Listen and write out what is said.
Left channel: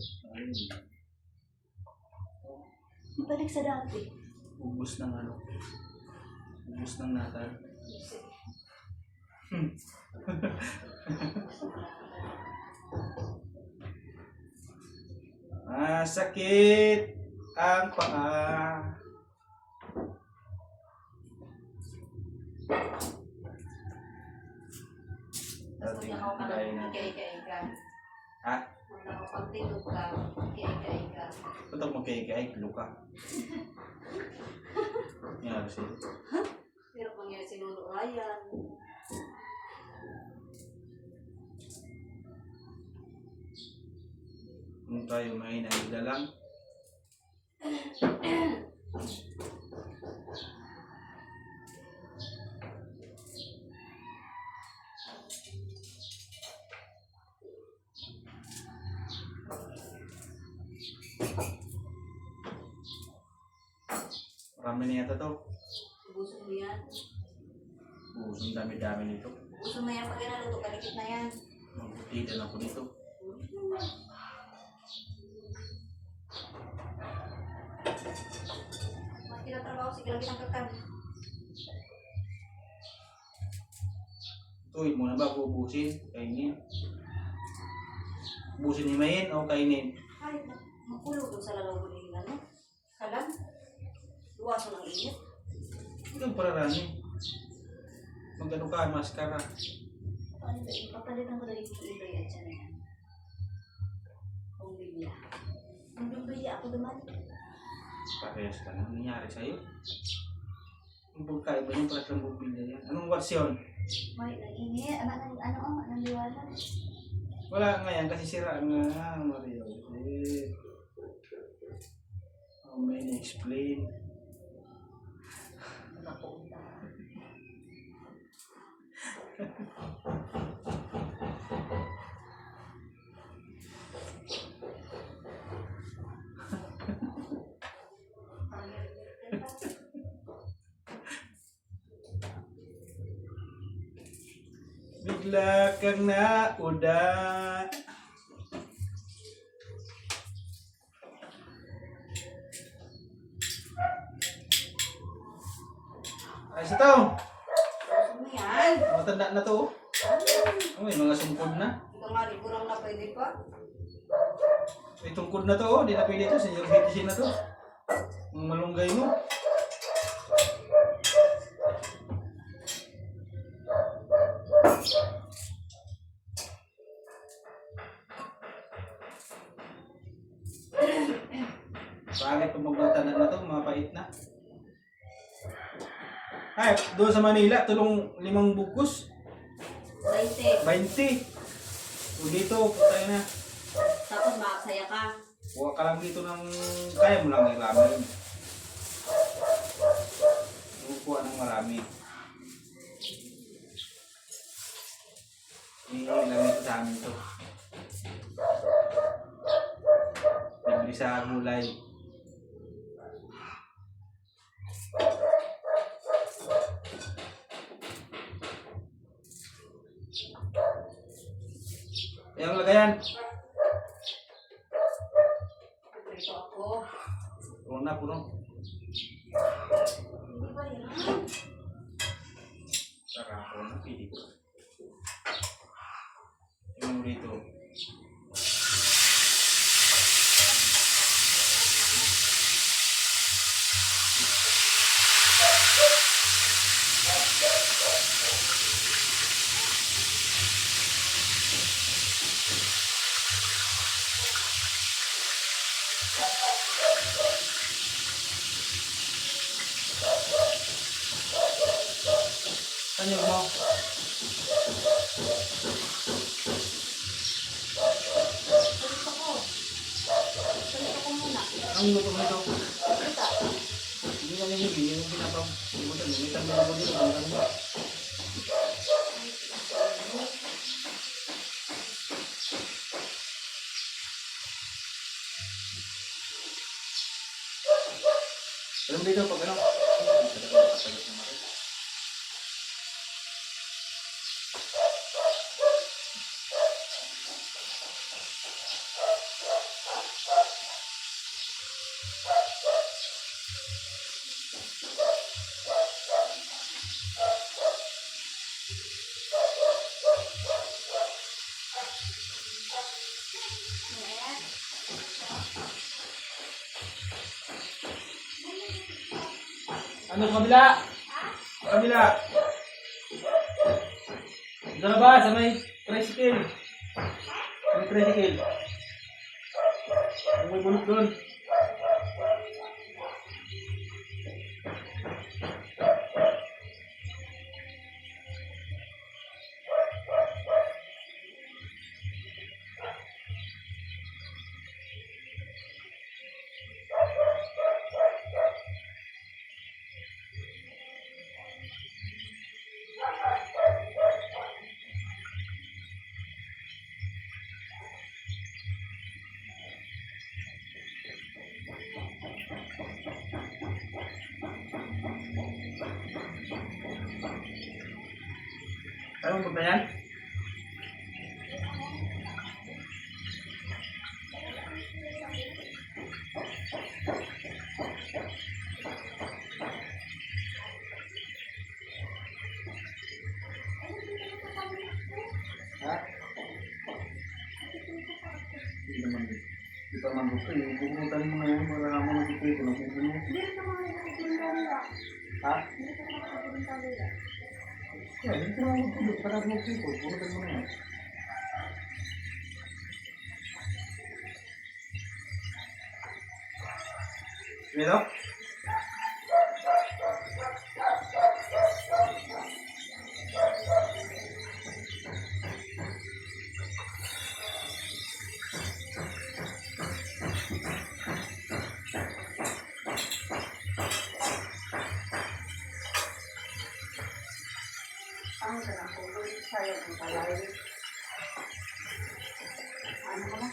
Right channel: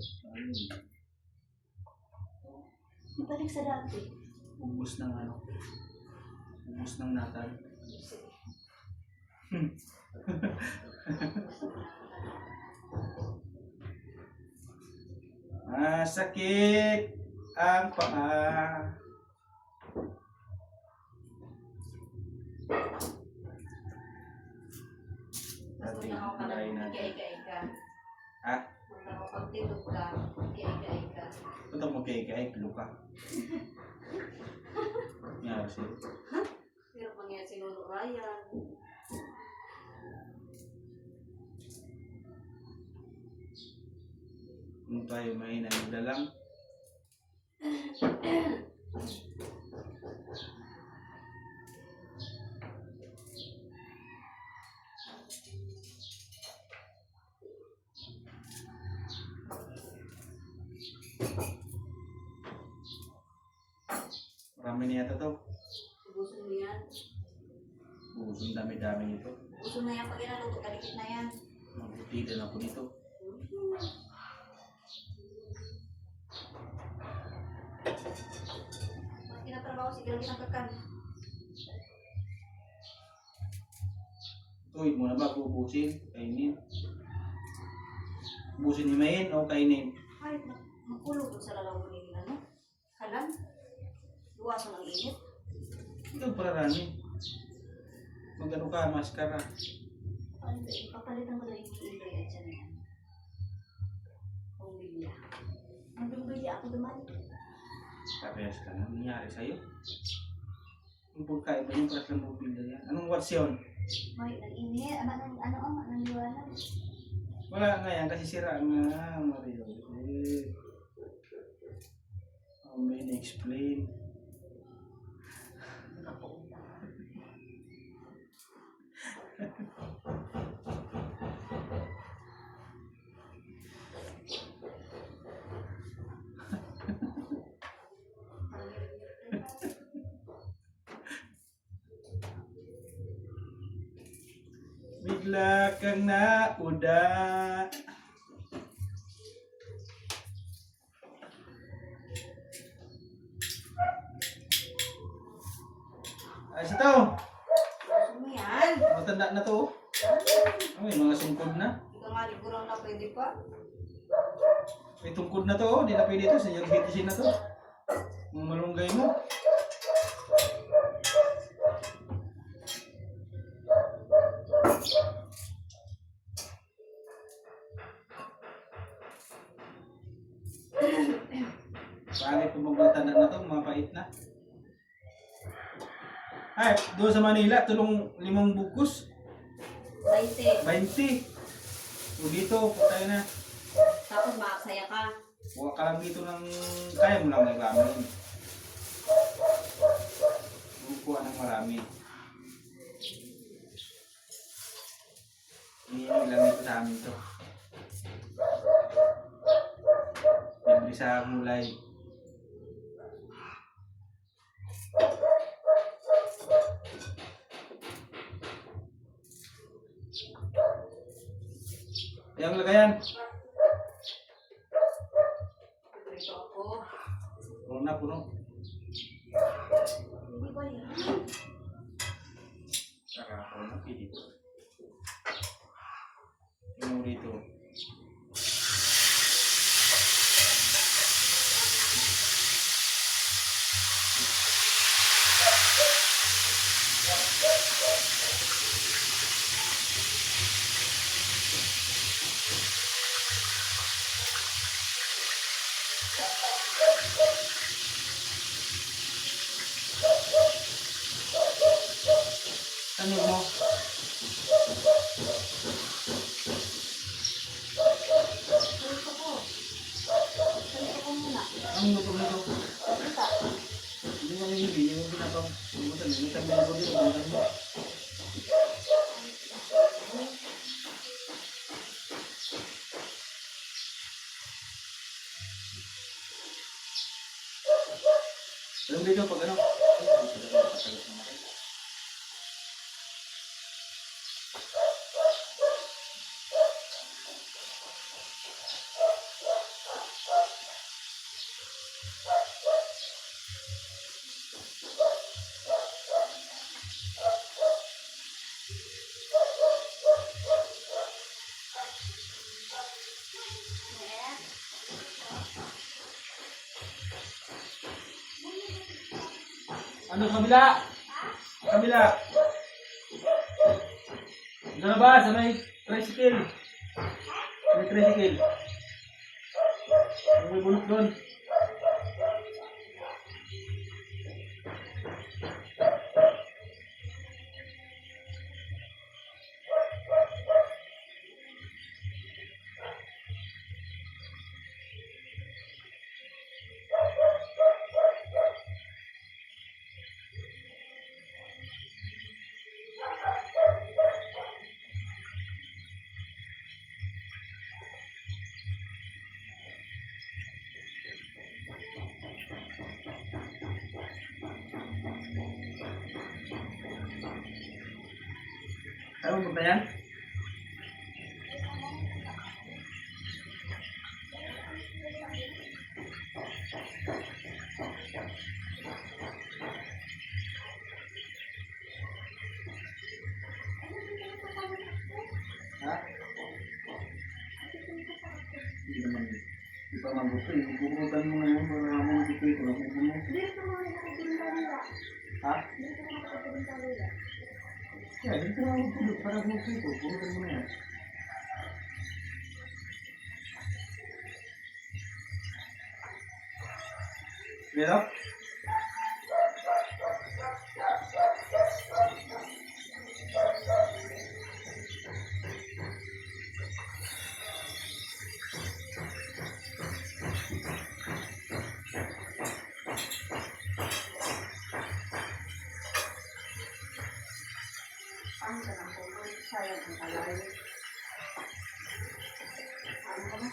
Ayun. Ibalik sa dati. Ubus ng ano. Ubus ng natal. Sakit ang paa. Dating lain natin. Ha? Magkakapagtitog ka, ika-ika-ika. Punta mo kay Luka. Nangyari siya. Pero kung yan sinuno Ryan. Kung tayo may nanila lang. Marami na yata to. Ubusin mo yan. Ubus ang dami-dami nito. Ubusin mo yan pag inaluto, kalikit na yan. Magbutigan ako nito. Mas kinatrabaho, sige lagi ng kakan. Tuwid mo na ba? Ubusin? Kainin? Ubusin ni Mayin o kainin? Kahit na makulog doon sa lalaw mo nila, no? Kalan. Luwaso ng init. Ikaw para rani. Magano ka, maskara. Papalitan ko na ikiiba yan siya na yan. Ang bibila. Ang bibila ako duman. Parehas ka na. Nangyari sa'yo? Ang pagkain ba yung paras lang bubila yan? Anong words yun? May nag-init. Ano ang liwanag? Wala nga yan kasi sira nga. Mario. How may na-explain? Bigla kang nauda. Ay, sa to. Gusto mo yan? Matanda na to. Oh, may mga sungkod na. Ikaw nga, di kurang na pwede pa. May tungkod na to. Oh. Di na pwede to. Senior citizen na to. Ang malunggay mo. Pangit kung magbagtanan na to. Mga pait na. Ay, doon sa Manila, tulong 5 bukos. 20. 20. So dito, tayo na. Tapos makasaya ka. Huwag ka lang dito ng kaya mo lang ilamin. Bukuha ng marami. Ilang ito sa amin to. Bibili sa gulay. Ayang lagayan. Ito ako. Puno na, puno. Hindi ba yan? Sarap na, pili ko. Yung rito. Saan yung mo? Salito ko. Salito ko muna. Ang luto mo ito? Kita. Hindi mo yung hindi mo pinapang. Hindi mo tanong. May tanong mo dito. Ang tanong mo. Alam dito pag ano? Ano sa kabila? Sa kabila. Sa labas, sa may tricycle. Sa may tricycle. Yung may bunot doon. Ano punta yan? Ha? Hindi naman. Hindi pa man gusto eh. Pupuntan mo na yan para mo nakikita. Hindi ka mga nakakabunta nila. Ha? Hindi ka mga nakakabunta nila. Yeah, dito na ako tulog para makikita. Pupuntan mo na yan. Dito? Ang ganang ko, sayang ang kalay. Ano ka na?